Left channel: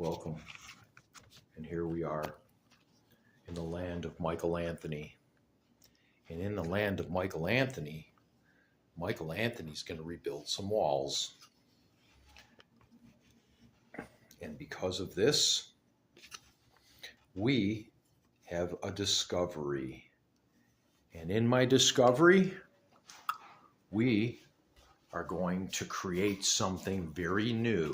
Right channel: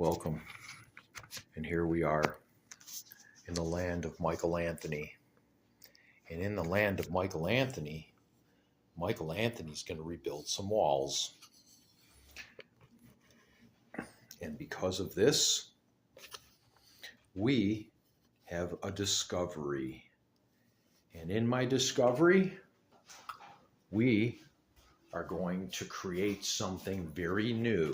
Welcome. And here we are in the land of Michael Anthony. And in the land of Michael Anthony's going to rebuild some walls. And because of this, we have a discovery. And in my discovery, we are going to create something very new.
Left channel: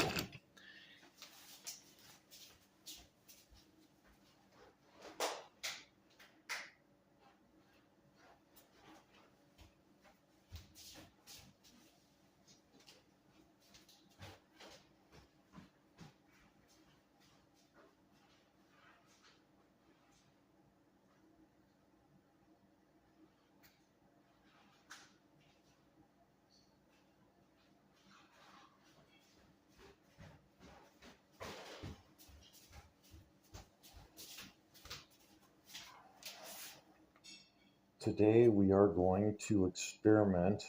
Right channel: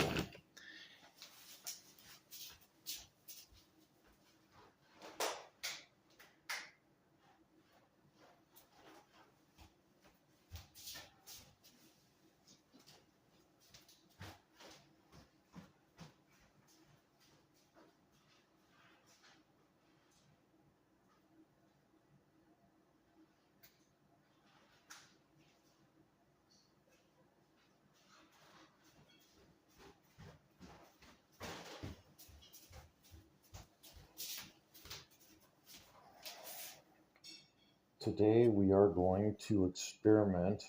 Today we are going to experiment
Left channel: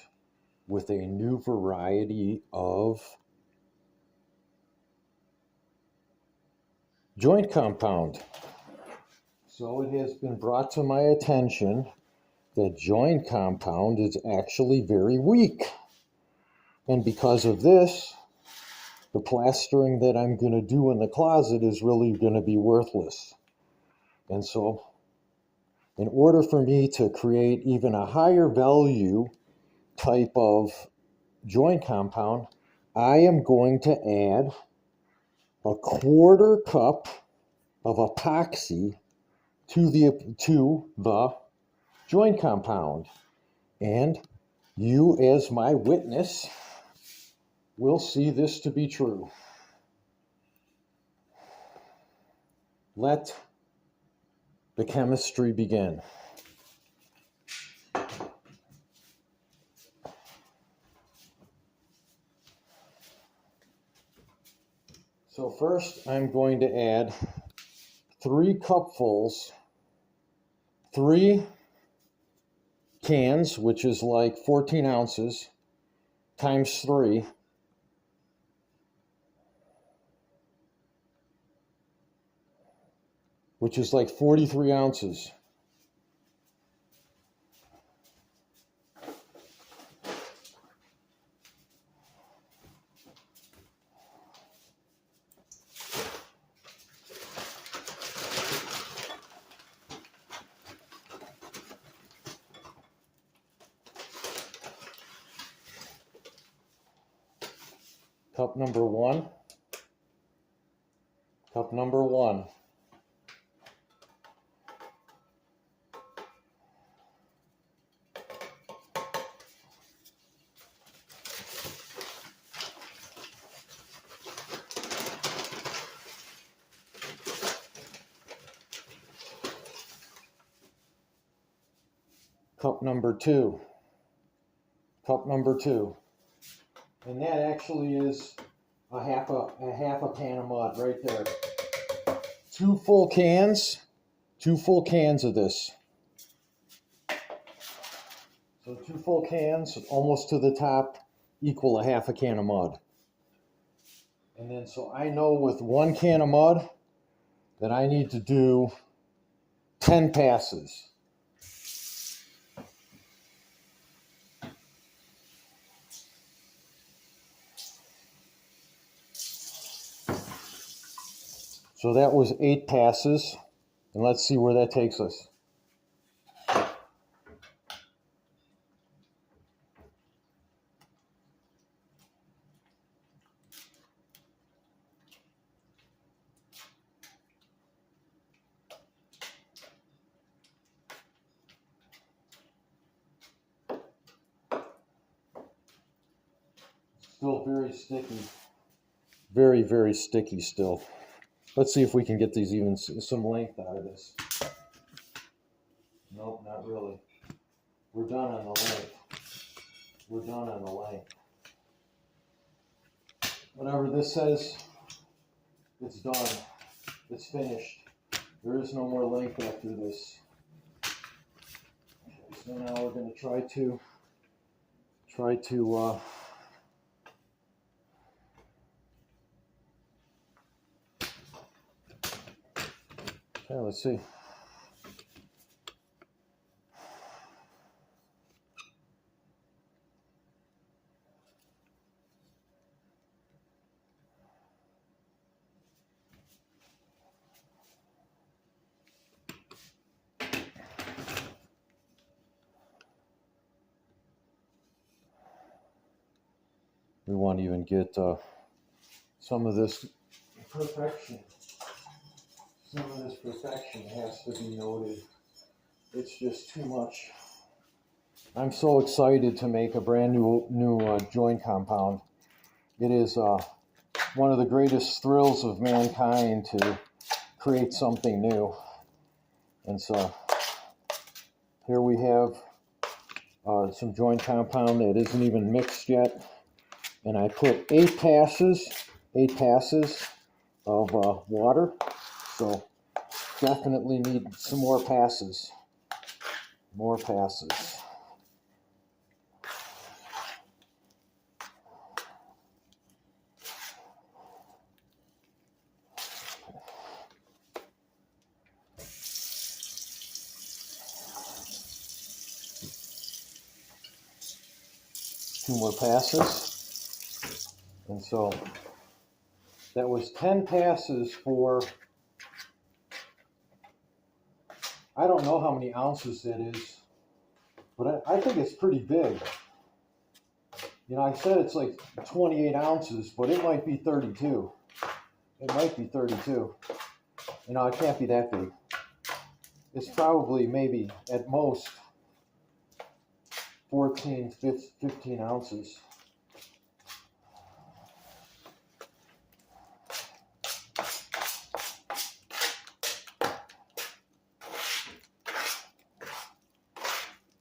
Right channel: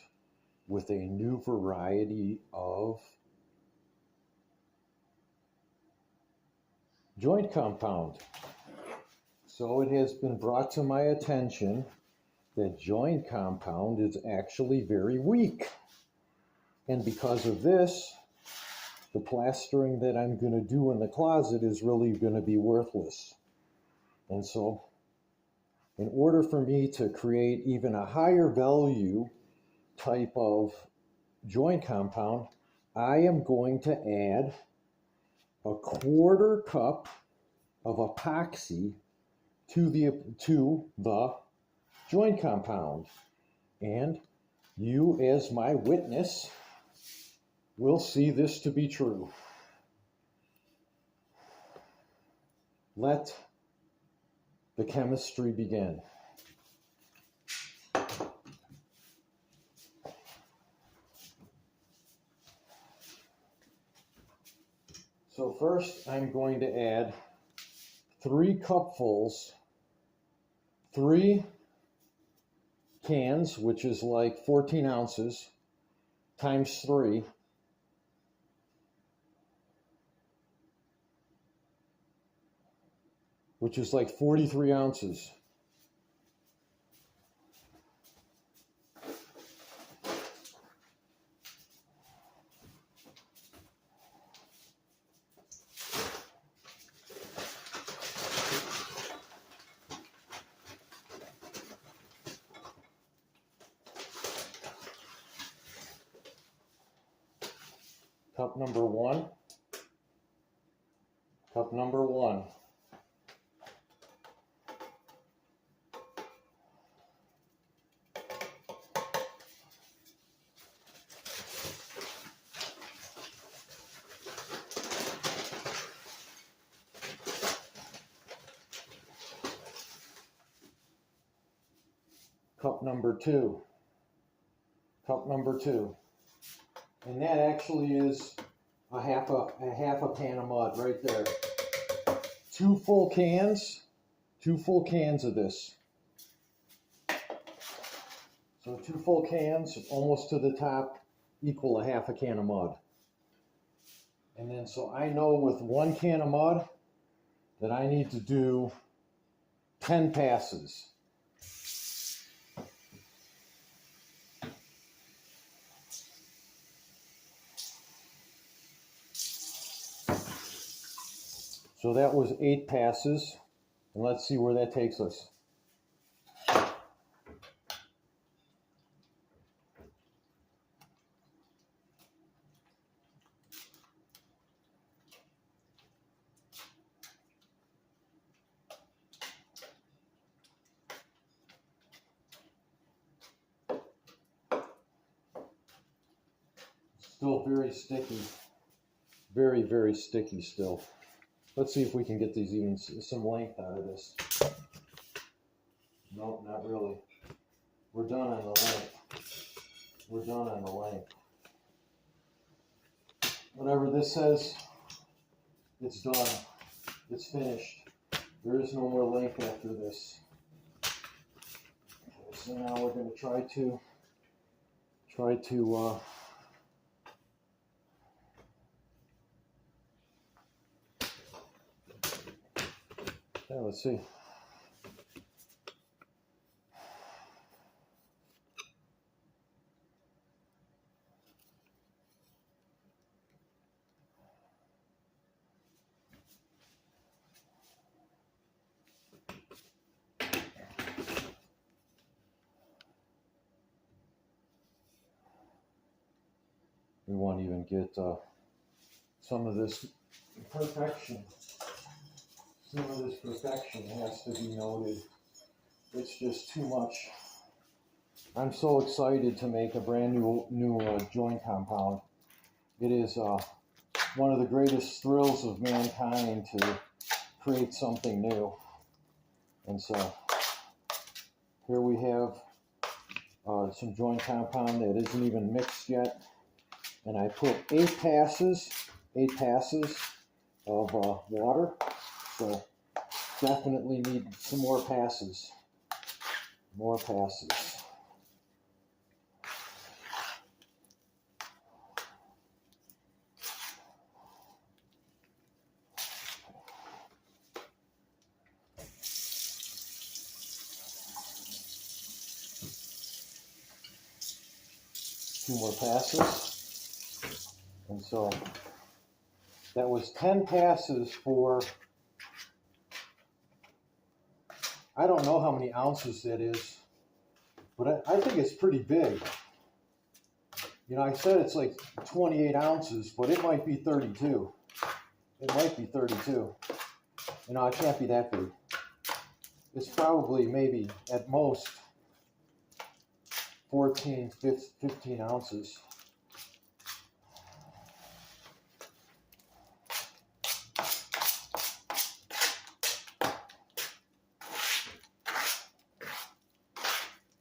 with a new variety of joint compound. So it has been brought to my attention that joint compound is actually very weak. And because of this, the plastering that I'm going to do in the closet is really going to be worthless. And so in order for me to create even a higher value type of joint compound, I am going to add a 1/4 cup of epoxy to the joint compound. And you, as my witness, will see this to be true. Let the chemistry begin. So first I'm going to add 3 cupfuls, 3 cans, which is like 14 ounces, times 3. Which is like 43 ounces. Cup number 1. Cup number 1. Cup number 2. Cup number 2. And that actually is a half a pan of mud right there. 2 full cans of this. So 2 full cans, almost to the top, equal a half a can of mud. And then so I know with 1 can of mud that I need to do 10 passes. So that was 8 passes, and let's see where that takes us. Still very sticky. Very, very sticky still. Let's see if we can get these even some length out of this. Nope, not really. We're done on the length. We're done on the length. Whatever this says, it's done. It's finished. There is no more length after this. Okay, so now we're going to try to let's see. We won't even get some of this perfection. Some of this perfection has to be noted. It's just too much. I'm so excited to make a brand new joint compound. It is one of the greatest thrills of mankind to create something new. And so here we have some joint compound that isn't even mixed yet. And I put 8 passes of water. So definitely need some more passes. More passes. 2 more passes. And so that was 10 passes for, I don't know how many ounces that is, but I think it's pretty big. You know, I said it's like 28 ounces, but it might be 32. It might be 32. You know, it can't be that big. It's probably maybe at most 14, 15 ounces.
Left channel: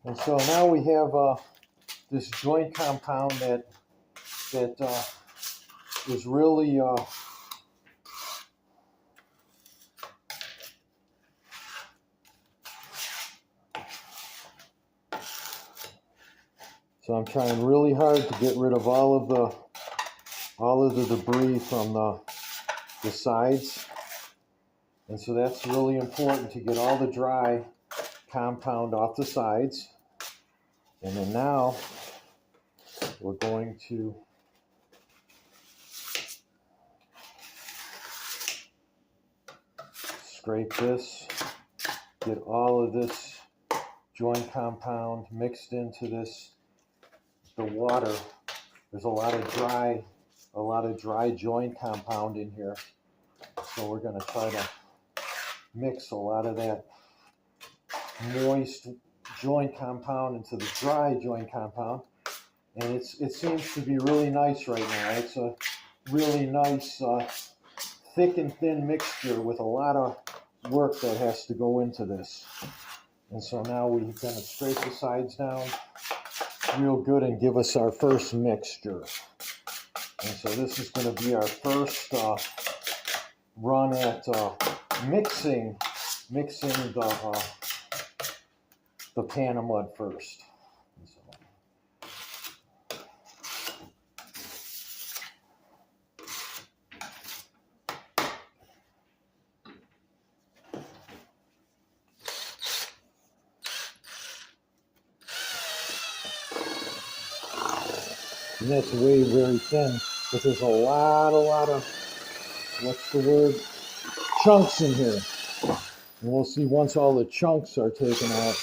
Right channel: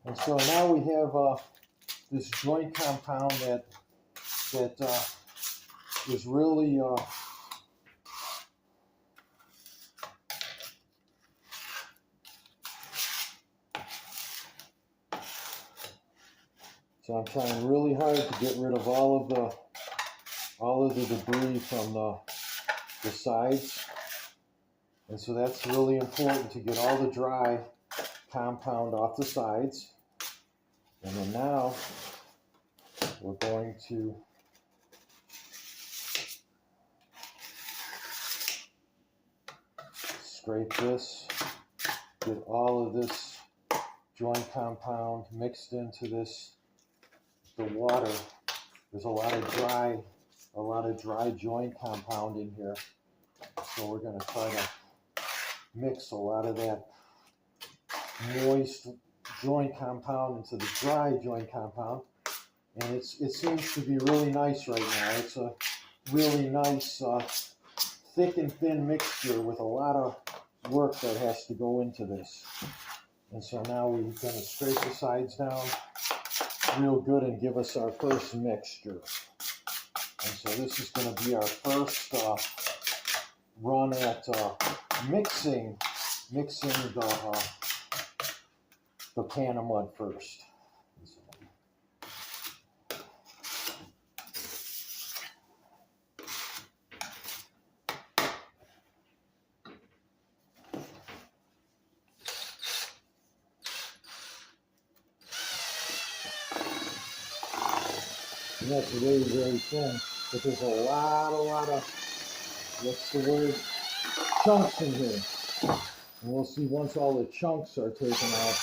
And so now we have this joint compound that is really so I'm trying really hard to get rid of all of the debris from the sides. And so that's really important, to get all the dry compound off the sides. And then now we're going to scrape this, get all of this joint compound mixed into the water. There's a lot of dry joint compound in here. So we're going to try to mix a lot of that moist joint compound into the dry joint compound. And it seems to be really nice right now. It's a really nice thick and thin mixture with a lot of work that has to go into this. And so now we're going to scrape the sides down real good and give us our first mixture. And so this is going to be our first run at mixing the pan of mud first. And that's very thin, but there's a lot of, what's the word, chunks in here. And we'll see once all the chunks are taken out.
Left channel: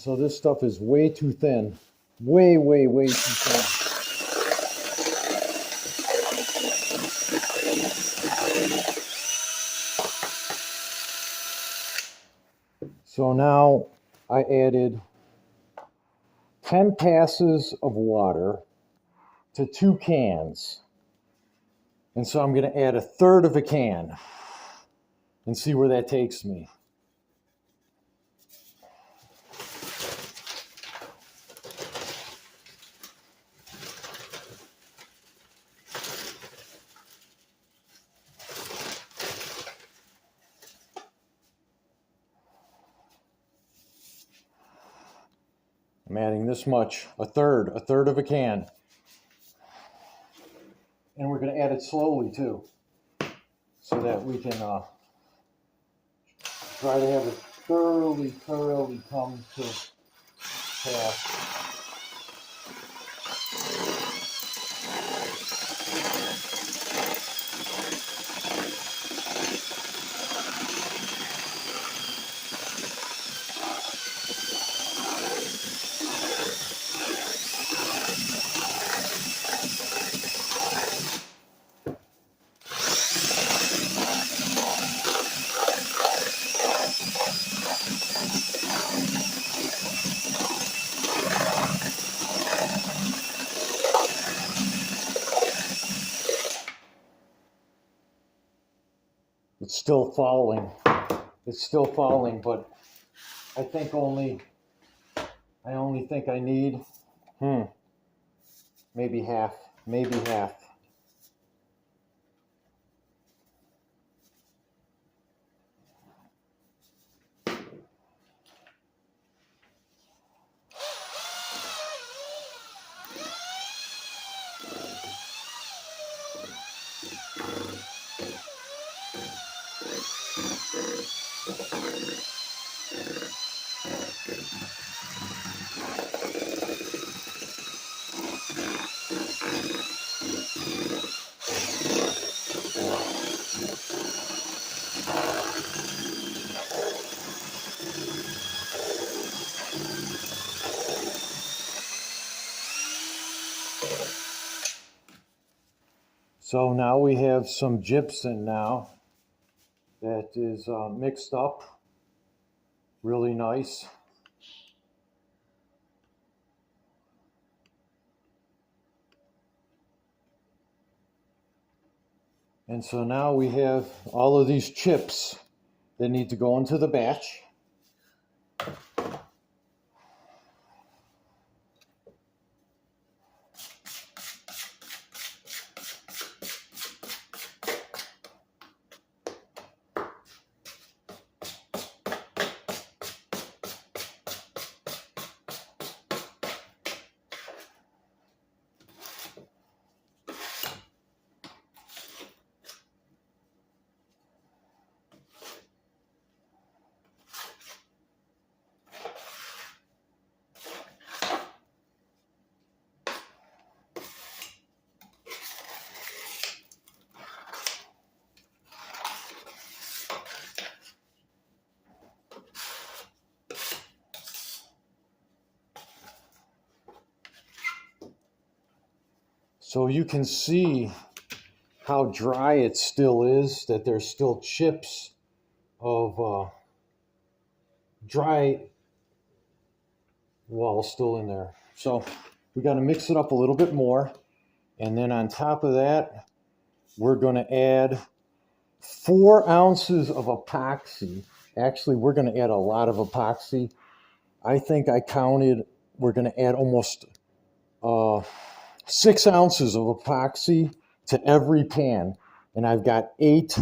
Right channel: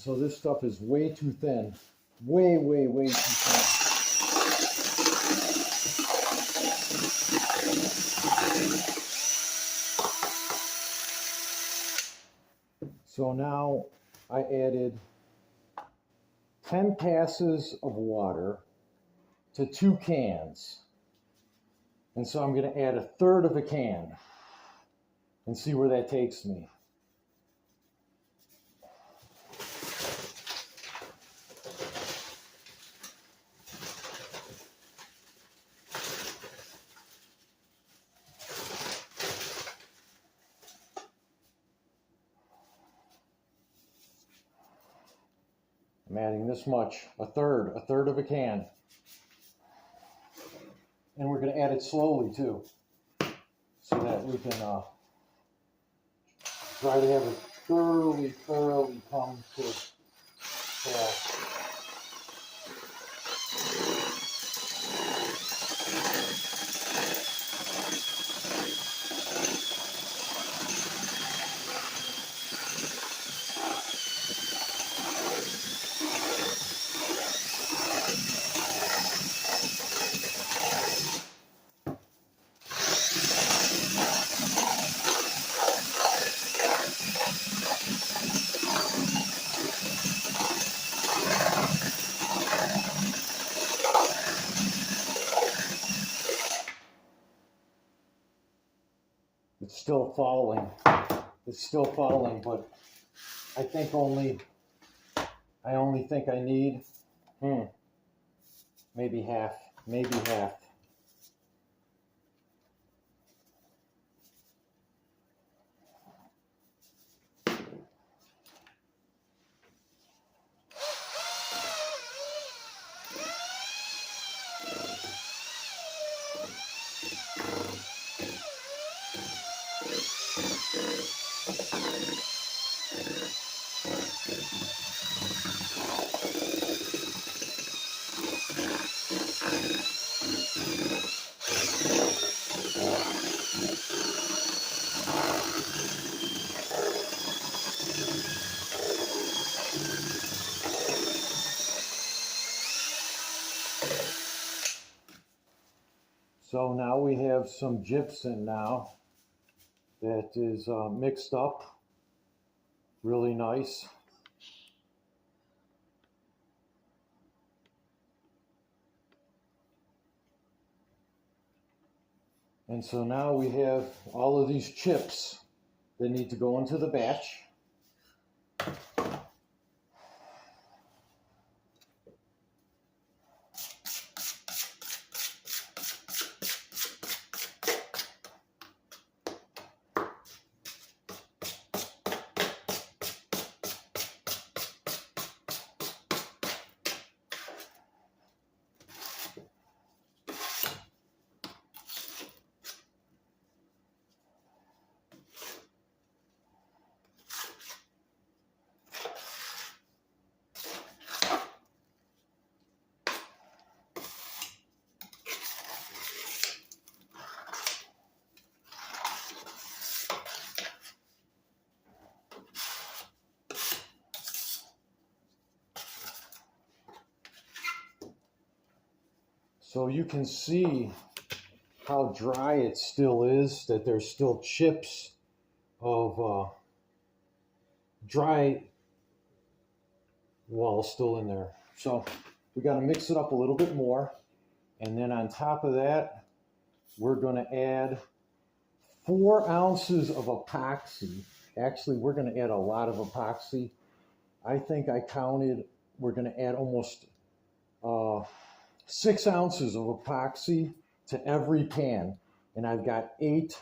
so this stuff is way too thin. Way, way, way too thin. So now I added 10 passes of water to 2 cans. And so I'm going to add 1/3 of a can and see where that takes me. I'm adding this much, 1/3 of a can. And we're going to add it slowly too, so that we can try to have it thoroughly come to pass. It's still falling. It's still falling, but I think I only think I need maybe half. So now we have some gypsum now that is mixed up really nice. And so now we have all of these chips that need to go into the batch. So you can see how dry it still is, that there's still chips of dry wall still in there. So we got to mix it up a little bit more. And then on top of that, we're going to add 4 ounces of epoxy. Actually, we're going to add a lot of epoxy. I think I counted, we're going to add almost 6 ounces of epoxy to every pan. And I've got eight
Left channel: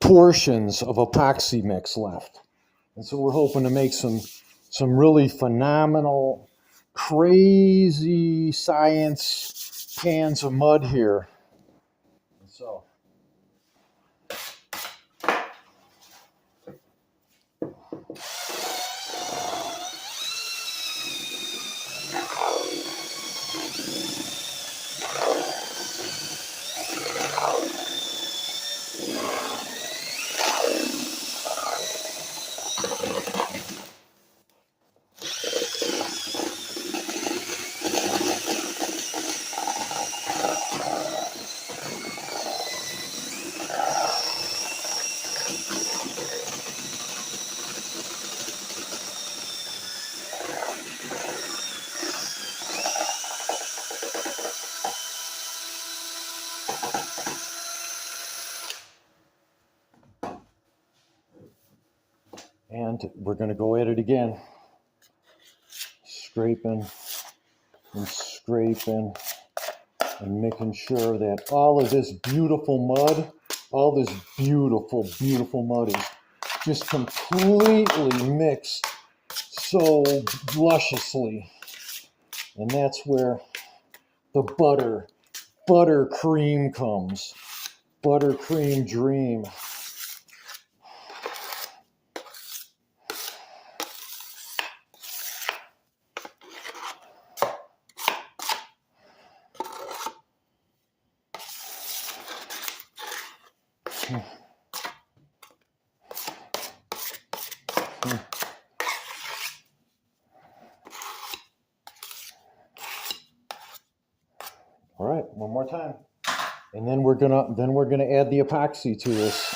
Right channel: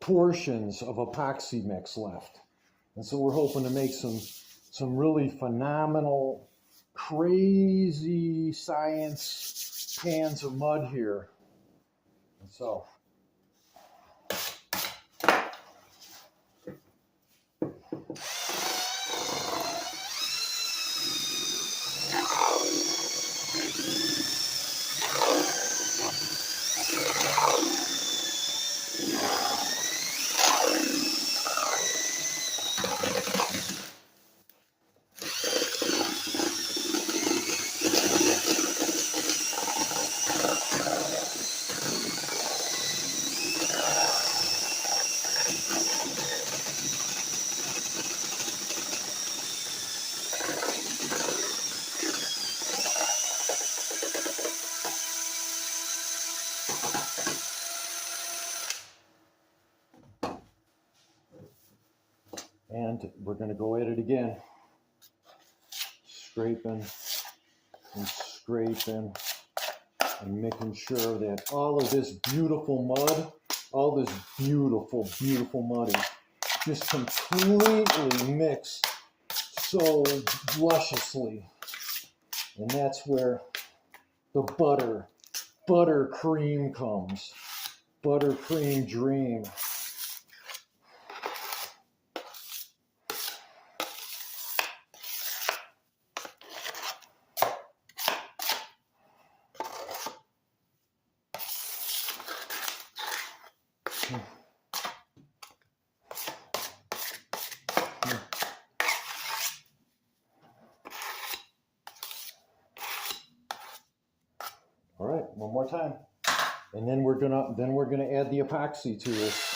portions of epoxy mix left. And so we're hoping to make some really phenomenal, crazy science pans of mud here. And so And we're going to go at it again. Scraping and scraping and making sure that all of this beautiful mud, all this beautiful, beautiful mud is just completely mixed so lusciously. And that's where the buttercream comes. Buttercream dream. All right, one more time. And then we're gonna add the epoxy to this.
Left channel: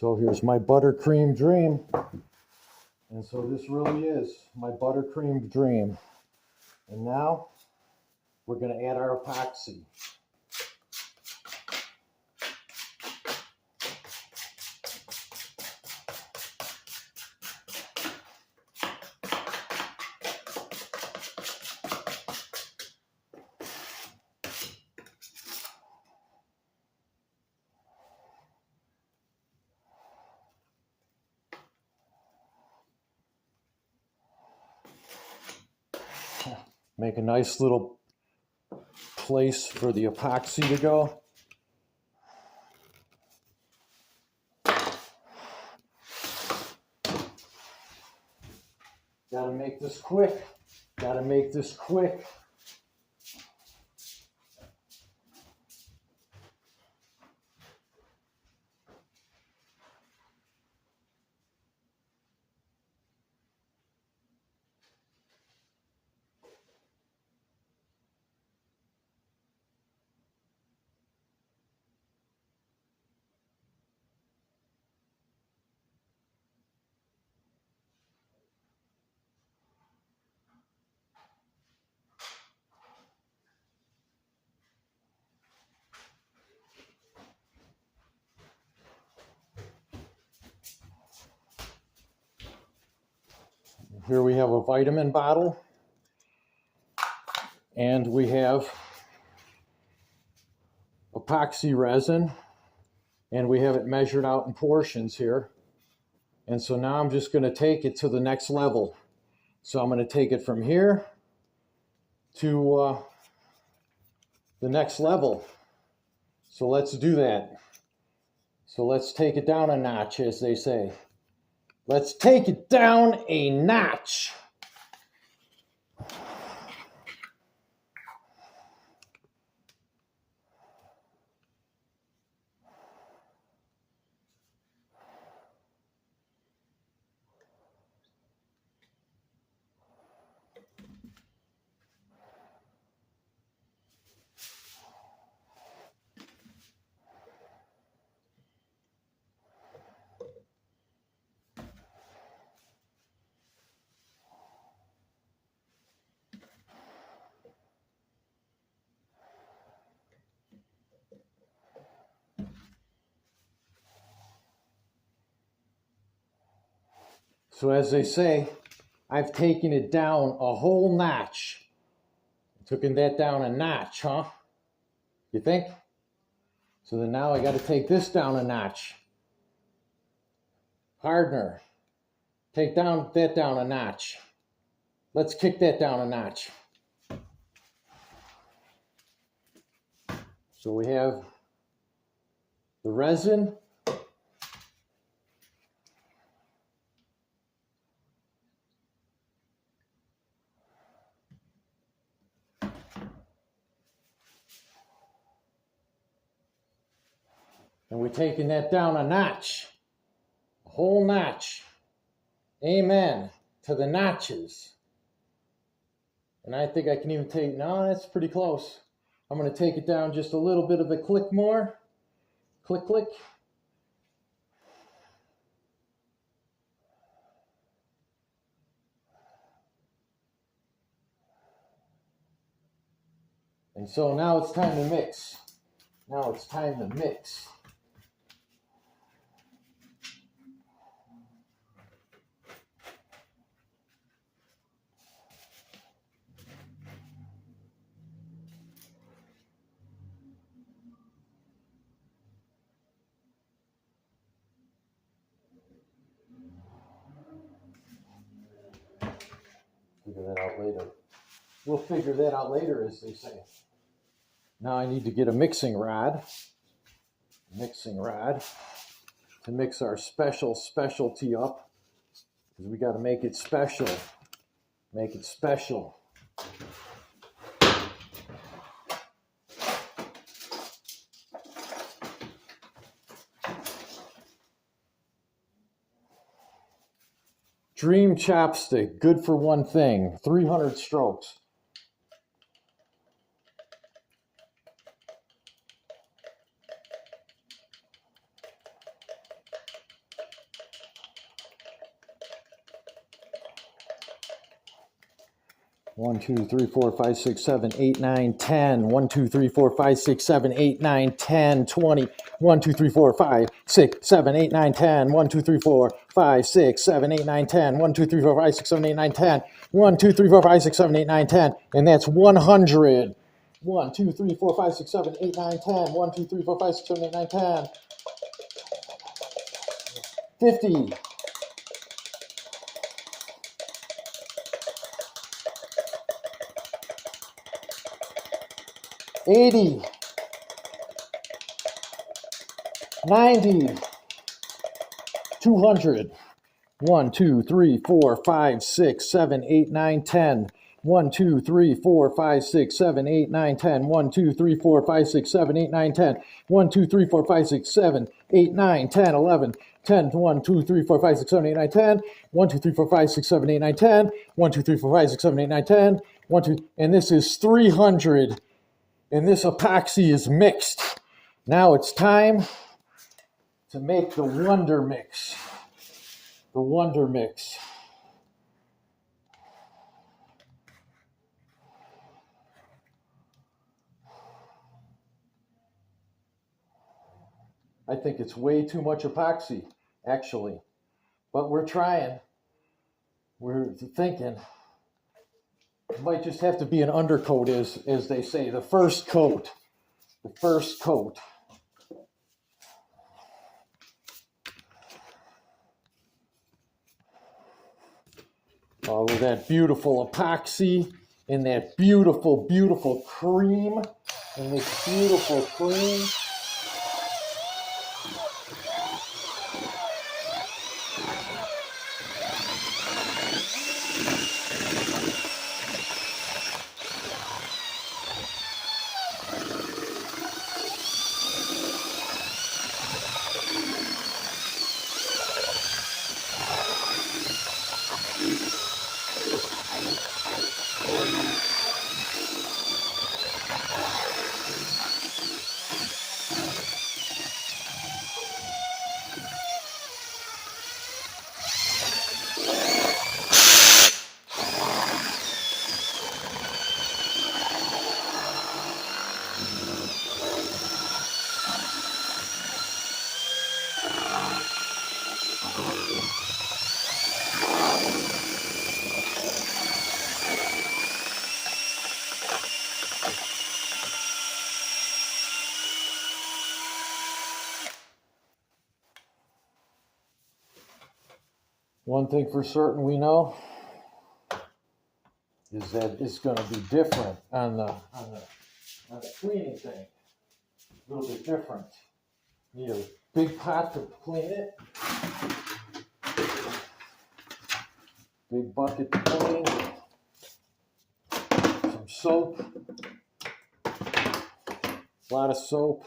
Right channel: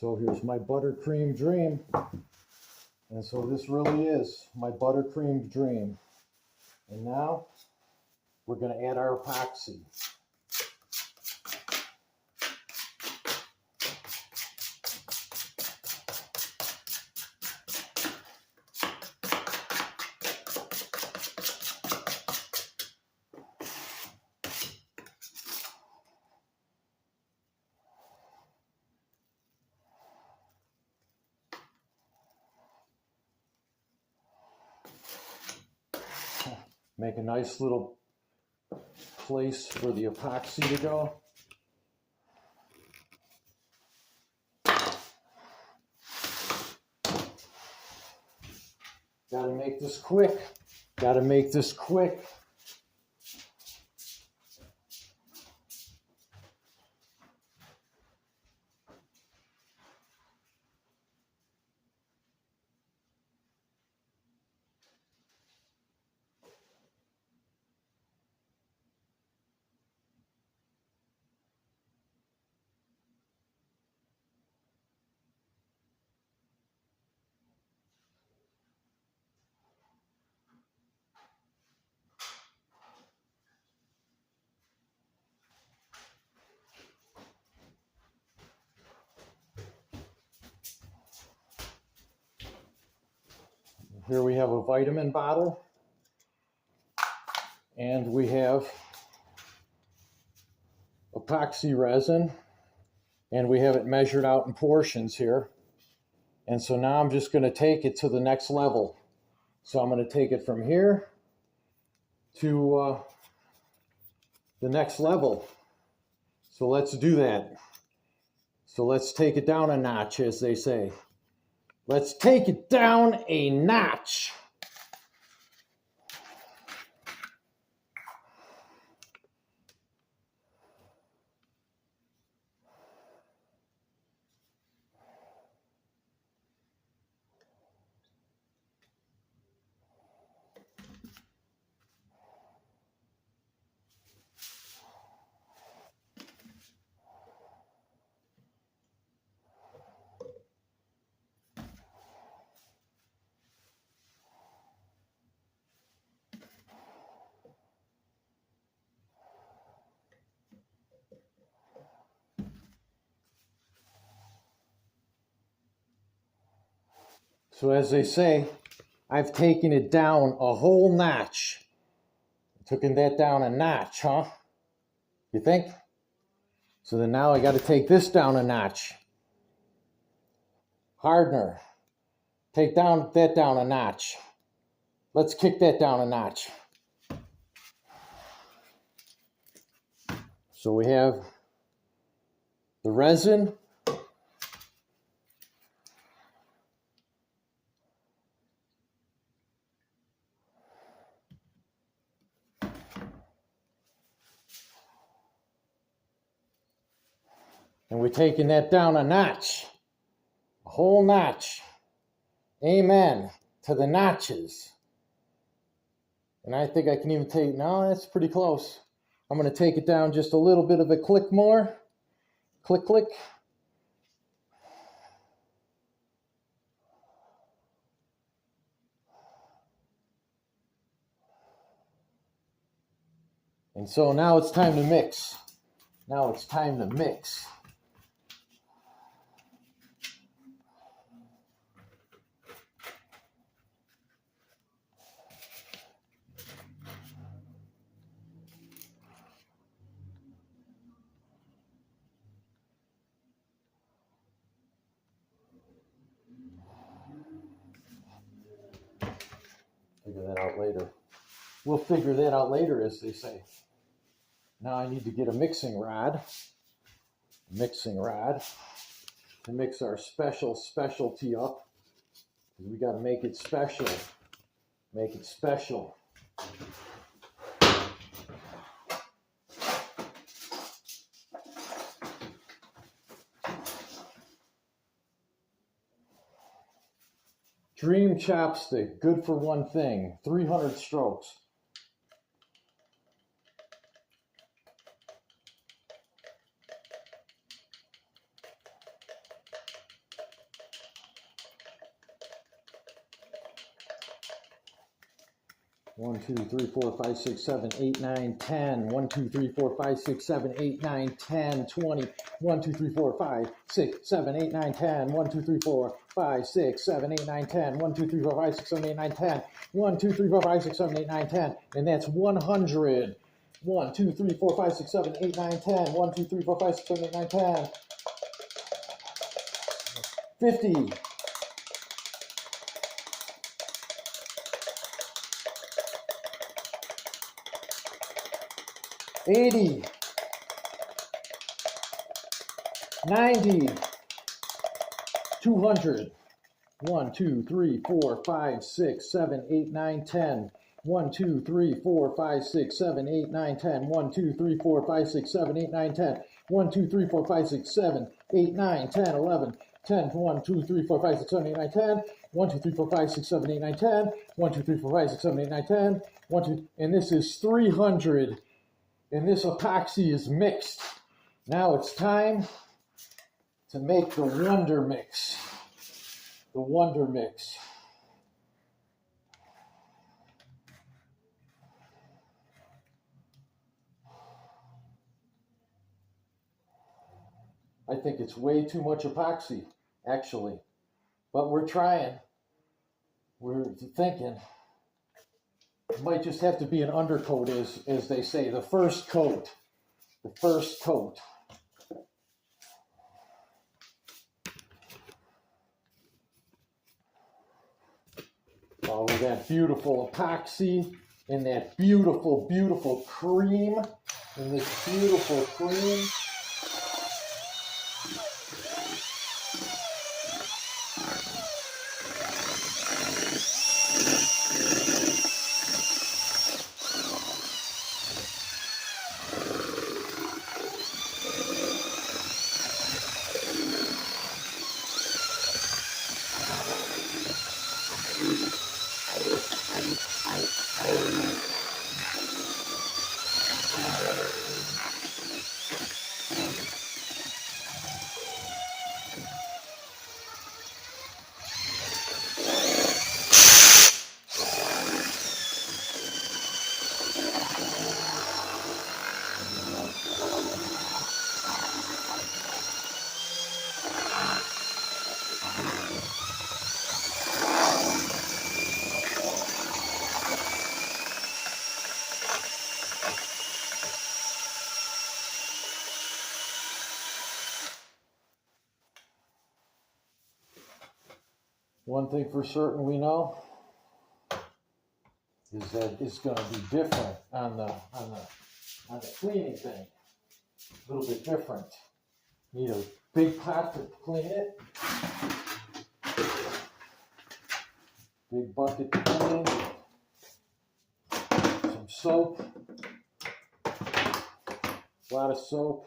So here's my buttercream dream. And so this really is my buttercream dream. And now we're going to add our epoxy. Make a nice little place for the epoxy to go. Gotta make this quick. Gotta make this quick. Here we have a vitamin bottle, and we have epoxy resin, and we have it measured out in portions here. And so now I'm just going to take it to the next level. So I'm going to take it from here to the next level. So let's do that. So let's take it down a notch, as they say. Let's take it down a notch. So as they say, I've taken it down a whole notch. Taken that down a notch, huh? You think? So then now I got to take this down a notch. Hardener. Take that down a notch. Let's kick that down a notch. So we have the resin. And we're taking that down a notch, a whole notch. Amen to the notches. And I think I can even take, no, that's pretty close. I'm going to take it down just a little bit of a click more. Click, click. And so now it's time to mix. Now it's time to mix. Figure that out later. We'll figure that out later, as they say. Now I need to get a mixing rod to mix our specialty up, because we got to make it special. Make it special. Dream chapstick, good for one thing, 300 strokes. One, 2, 3, 4, 5, 6, 7, 8, 9, 10. 1, 2, 3, 4, 5, 6, 7, 8, 9, 10, 20. 1, 2, 3, 4, 5, 6, 7, 8, 9, 10. 1, 2, 3, 4, 5, 6, 7, 8, 9, 10. 1, 2, 3, 4, 5, 6, 7, 8, 9, 10. 1, 2, 3, 4, 5, 6, 7, 8, 9, 10. And that's 100. 1, 2, 3, 4, 5, 6, 7, 8, 9, 10. 1, 2, 3, 4, 5, 6, 7, 8, 9, 10. 50. 80, 90, 200. 1, 2, 3, 4, 5, 6, 7, 8, 9, 10. 1, 2, 3, 4, 5, 6, 7, 8, 9, 10. 1, 2, 3, 4, 5, 6, 7, 8, 9, 10. 1, 2, 3, 4, 5, 6, 7, 8, 9, 10, 11, 10. 1, 2, 3, 4, 5, 6, 7, 8, 9, 10. 1, 2, 3, 4, 5, 6, 7, 8, 9, 10. 1, 2, 3, 4, 5, 6, 7, 8, 9, 10. 1, 2, and this is 300. And this epoxy is mixed. Now it's time to make the Wonder Mix. The Wonder Mix. I think it's way too much epoxy, actually. But we're trying. We're thinking. It might just have to be an undercoat, as they say. The first coat. The first coat. Oh, with that beautiful epoxy and that beautiful, beautiful cream. And this beautiful cream. One thing for certain we know is that it's going to be different on the cleaning thing. a little bit different. Need a big pot to clean it. Big bucket to clean. Some soap. A lot of soap.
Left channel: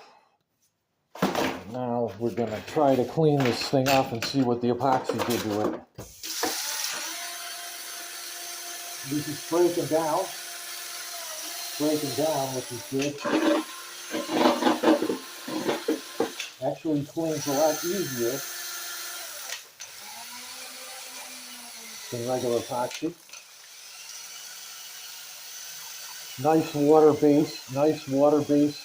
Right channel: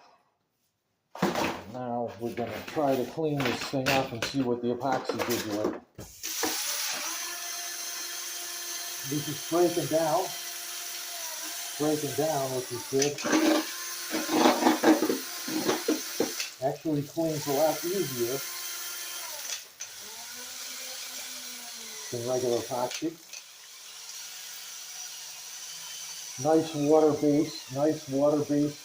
Now we're going to try to clean this thing up and see what the epoxy did to it. This is breaking down what this did. Actually cleans a lot easier than regular epoxy. Nice water-based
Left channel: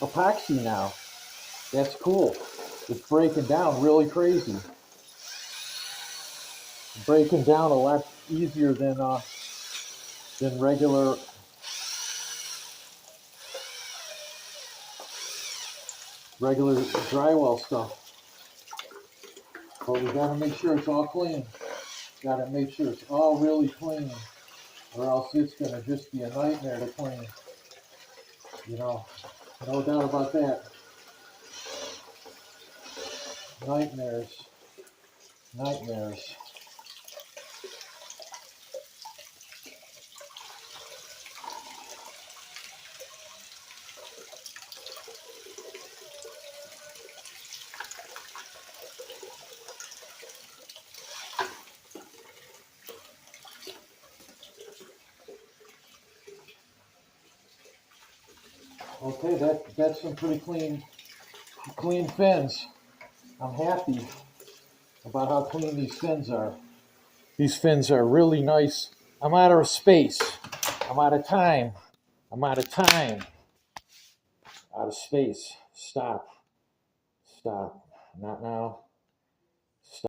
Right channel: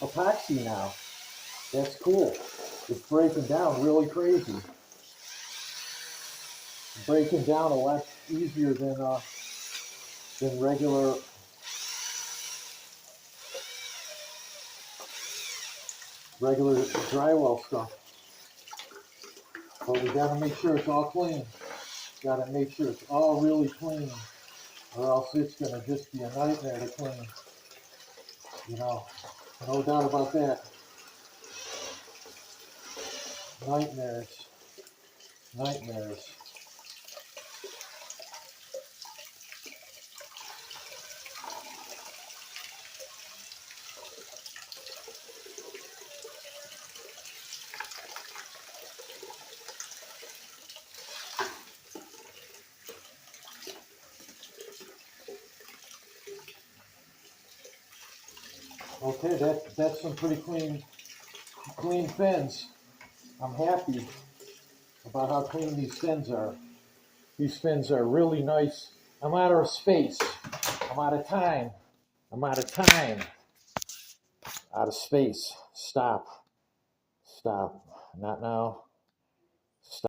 epoxy now. That's cool. It's breaking down really crazy. Breaking down a lot easier than regular drywall stuff. But we gotta make sure it's all clean. Gotta make sure it's all really clean, or else it's gonna just be a nightmare to clean. You know, no doubt about that. Nightmares. Okay, that's some pretty clean fins. I'm happy about how clean these fins are. These fins are really nice. I'm out of space. I'm out of time. Out of space. Stop. Not now.